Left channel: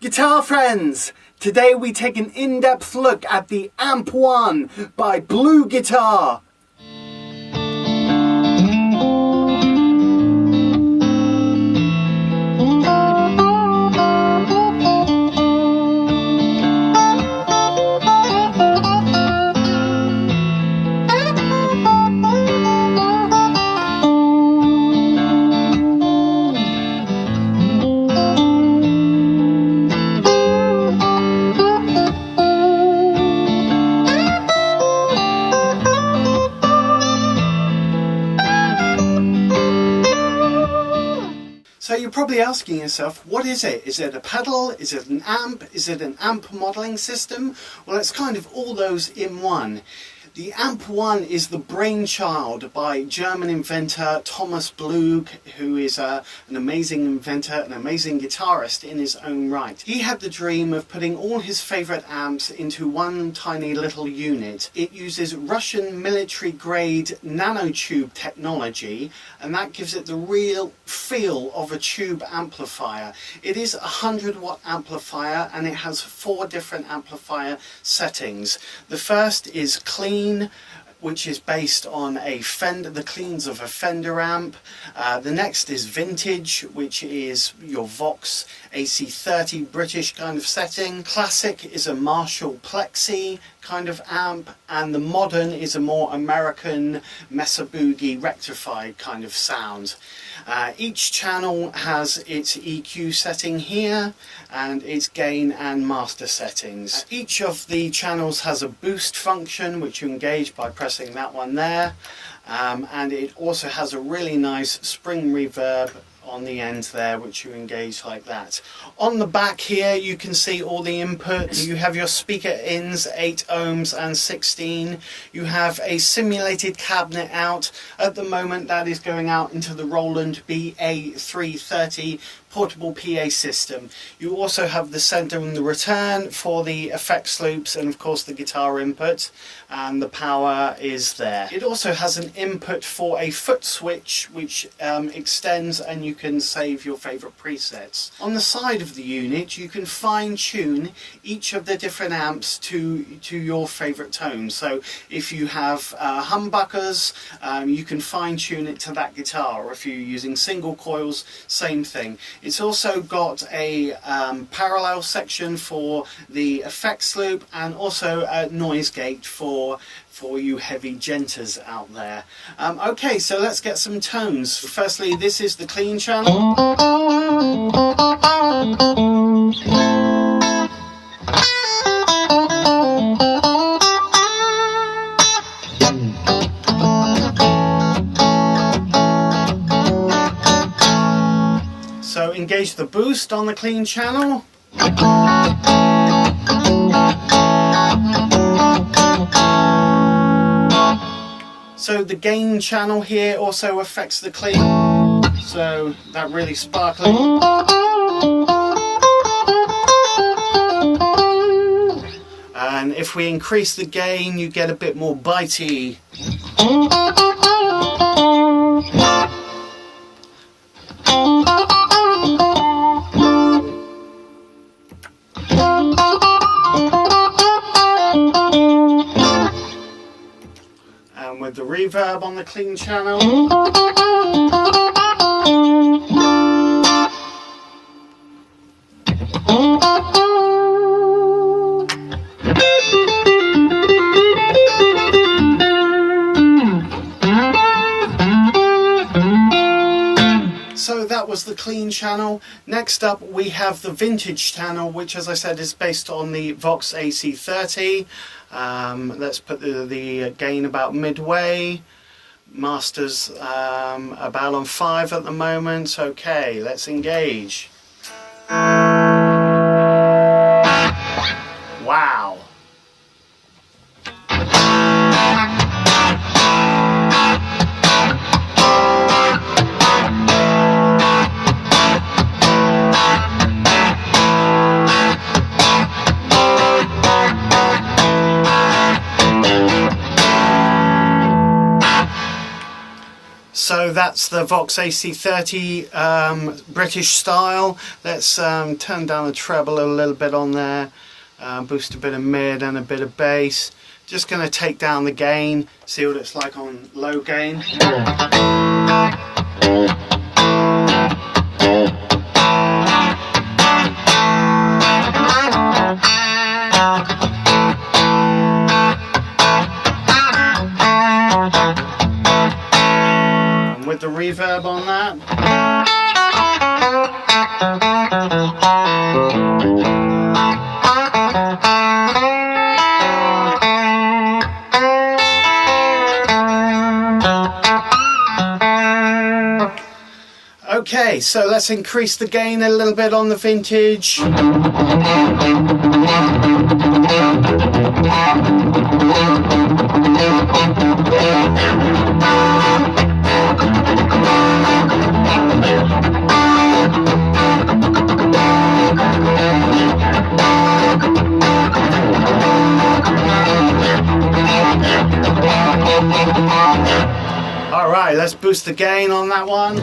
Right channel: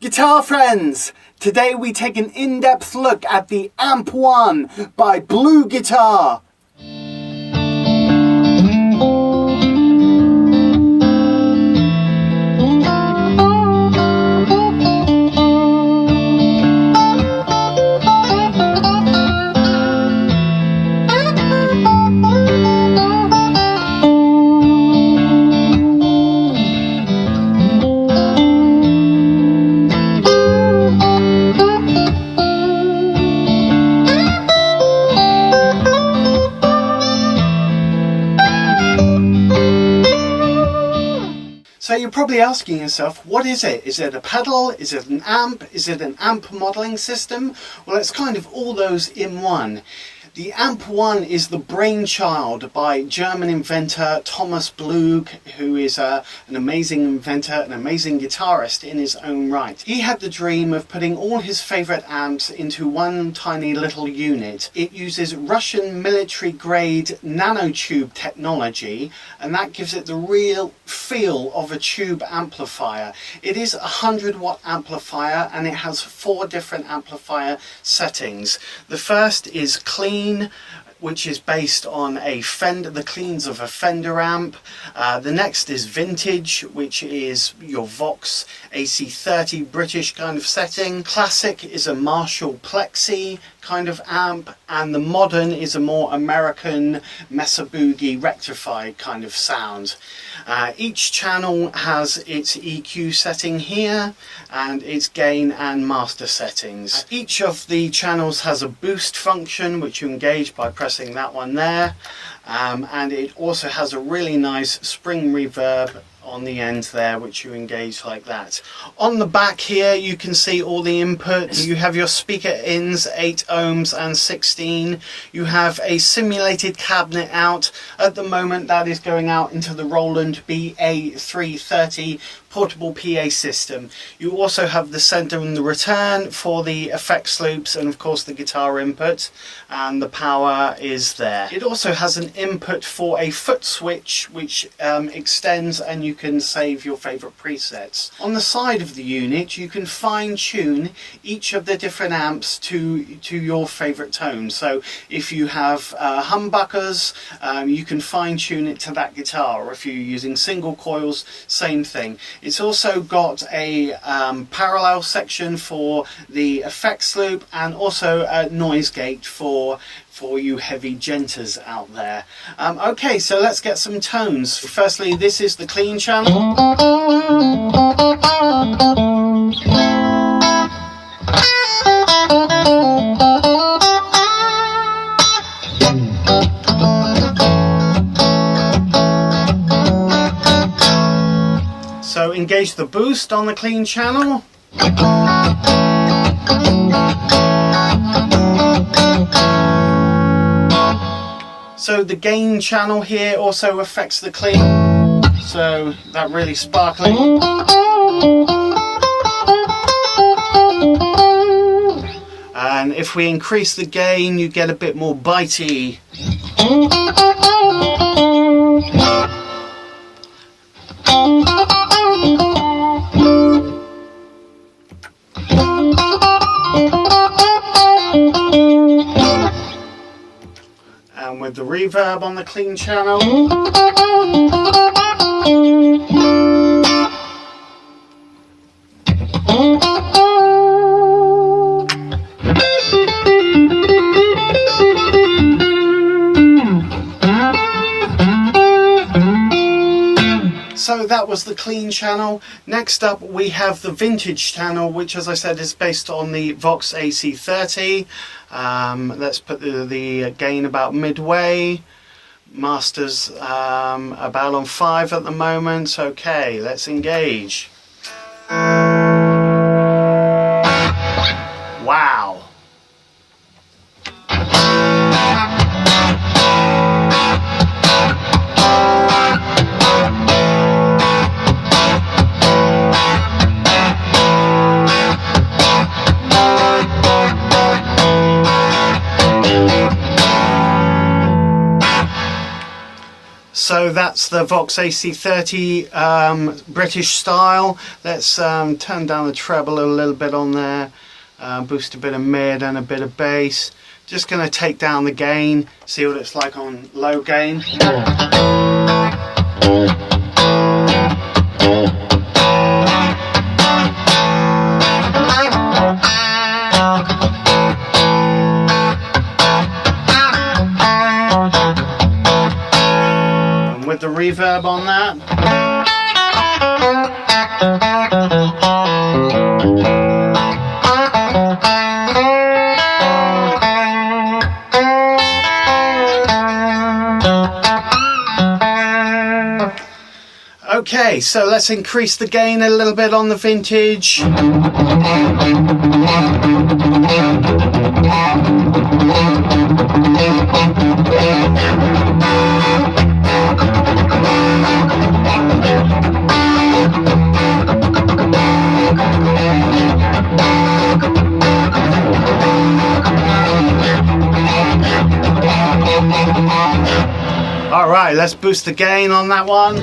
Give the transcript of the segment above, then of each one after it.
Guitar friends, today we take an in-depth look at the AMP1 by BluGuitar. So you're probably asking yourself, what is it? Is it a pedal? Is it an amp? Is it an amp modelling system? Well, it's kind of all those in one. The AMP1 is the brainchild by German inventor Thomas Blug, who is an amazing inventor, an amazing guitarist in his own right. He had the dream of putting all his favourite amps into one tiny little unit. It uses Russian military-grade nanotube technology, and that gives it the real feel of a tube amplifier. It is a 100-watt amplifier, and it has 4 different amplifier settings. The first is clean, which is based on a Fender, the cleans of a Fender amp. The next is vintage, which is your Vox AC30 British kind of setting. Classic is a Marshall Plexi kind of amp, and the modern is a more American Mesa Boogie rectified kind of sound. Each channel has its EQ setting here and its gain and master settings. Each of the channels has a boost function which you engage by pressing that one there, and it also has a really nice spring reverb on the end there, which you engage like that. On the back here you can see all the inputs. You have your speaker ins, 8 ohms and 16. You have a simulated cabinet out. At the moment that is going out into the Roland BA330 portable PA system. You also have the sender and the return for the effects loops, and of course the guitar input, and the power is there. It also has an input for a foot switch which extends, and you can save your favorite presets. On the side of the unit you can fine tune each of the different amps to your favorite tone. So if you have humbuckers, you can fine tune it to that guitar, or if you're using single coils, same thing. It's also got a parallel section for the effects loop, and also a noise gate for you heavy djenters out there. Okay, so let's get some tones. Firstly, this is the clean channel. So engage the boost on the clean channel. So the gain channel here also affects the clean, so that really sparkling. And if we increase the gain, you get a bit more bitey. And with the reverb on the clean channel. So that was the clean channel. Next up we have the vintage channel, which, as I said, is based on the Vox AC30. Let's put the gain about midway. Master's about on 5 at the moment. Okay, let's engage. Wow. So So that's the Vox AC30 British style. Let's turn down the treble a little bit on there, boost a bit of mid and a bit of bass. Just going to take down the gain, see what it's like on low gain. And with the reverb on that. Okay, so let's increase the gain a little bit on the vintage. All right, let's boost the gain on that one.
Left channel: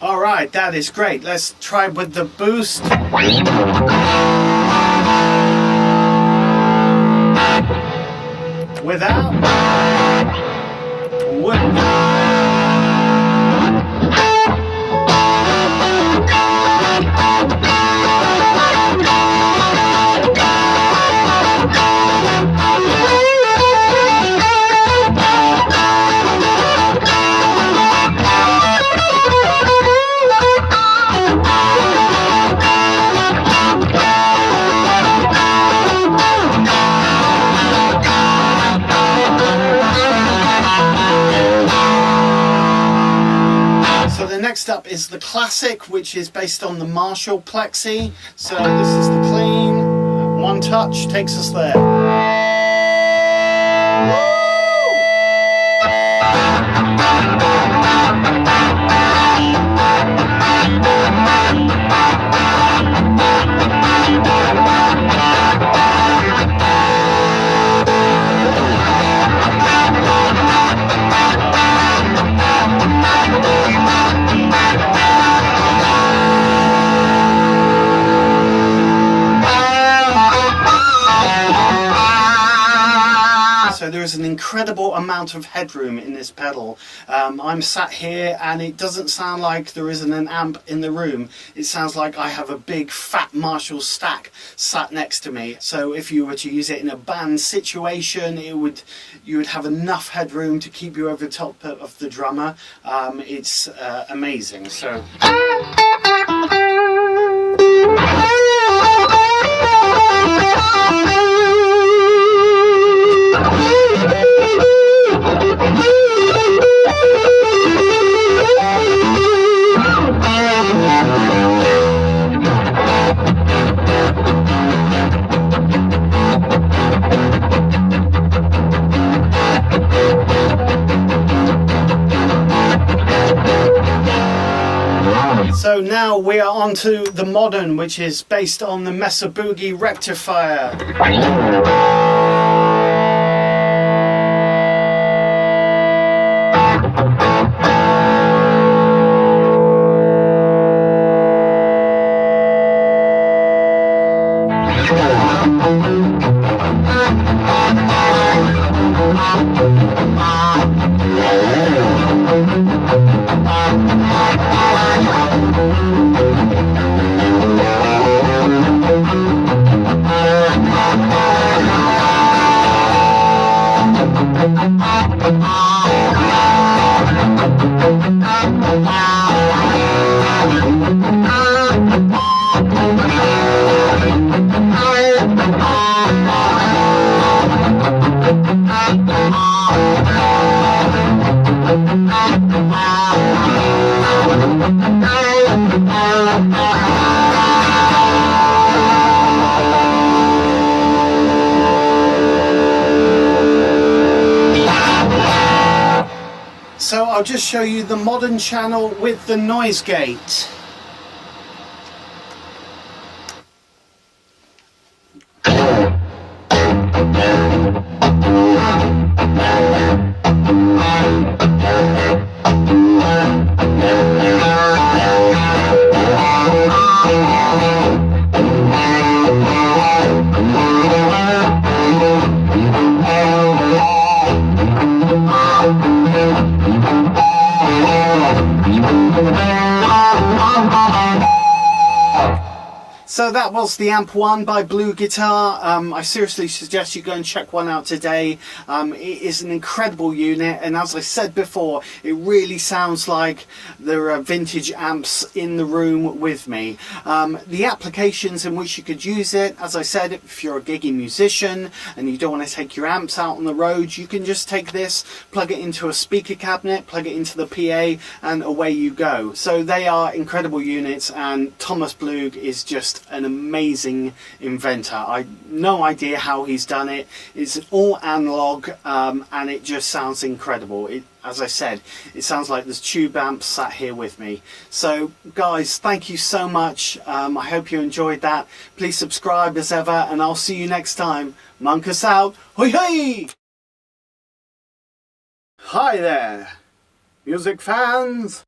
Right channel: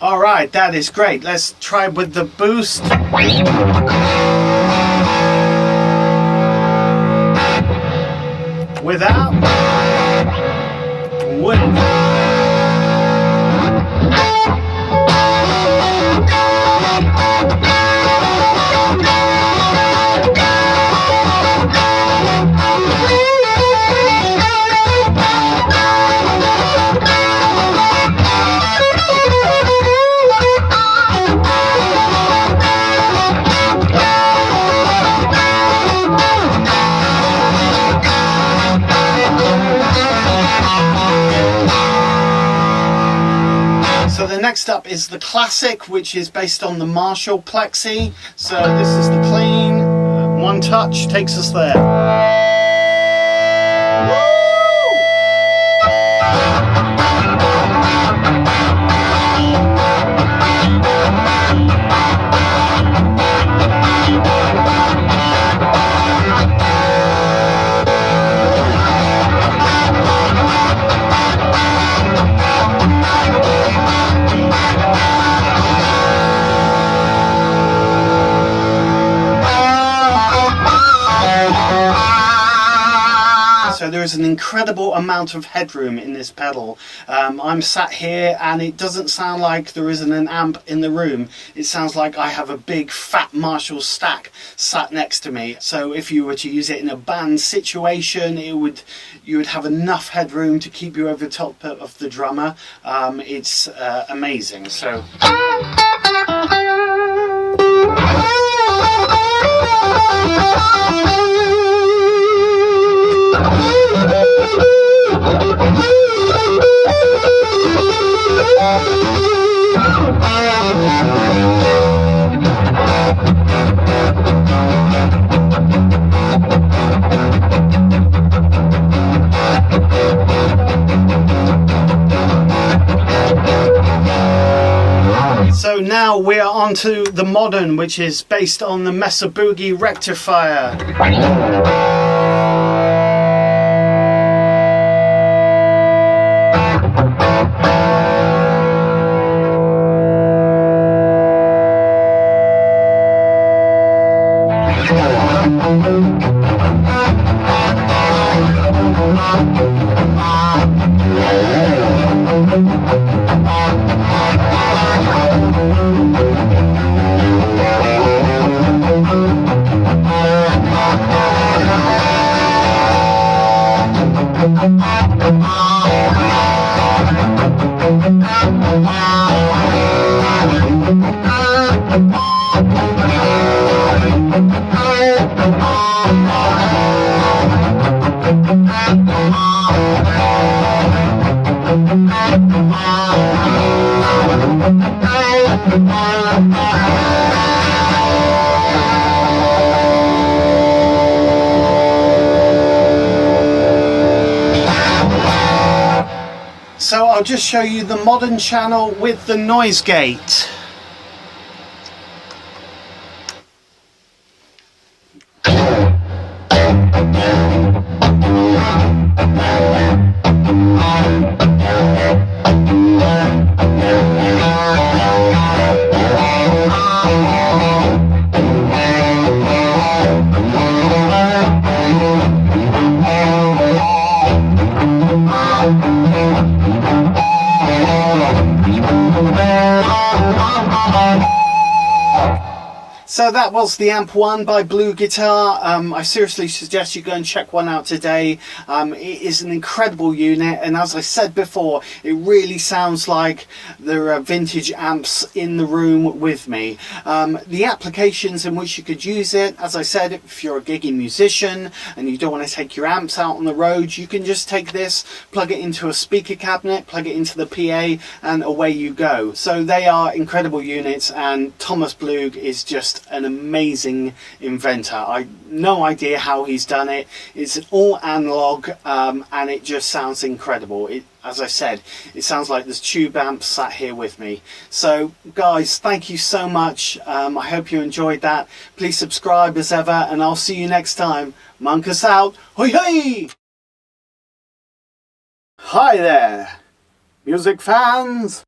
All right, that is great. Let's try with the boost. Without, with. So the next up is the classic, which is based on the Marshall Plexi. So this is the clean, one touch takes us there. So there is an incredible amount of headroom in this pedal. I'm sat here and it doesn't sound like there isn't an amp in the room. It sounds like I have a big fat Marshall stack sat next to me. So if you were to use it in a band situation, you would have enough headroom to keep you over the top of the drummer. It's amazing. So. So now we are on to the modern, which is based on the Mesa Boogie rectifier. So I'll just show you the modern channel with the noise gate. So that was the AMP1 by BluGuitar. I seriously suggest you go and check one out today. It is an incredible unit, and as I said before, it really sounds like there are vintage amps in the room with me. The applications in which you could use it, as I said, if you're a gigging musician and you don't want to take your amps out on the road, you can just take this, plug it into a speaker cabinet, plug it into the PA, and away you go. So they are incredible units, and Thomas Blug is just an amazing inventor. I no idea how he's done it. It's all analog, and it just sounds incredible. As I said, it sounds like there's tube amps sat here with me. So guys, thank you so much. I hope you enjoyed that. Please subscribe as ever, and I'll see you next time. Monk us out. Hoi hoi! Hi there, music fans.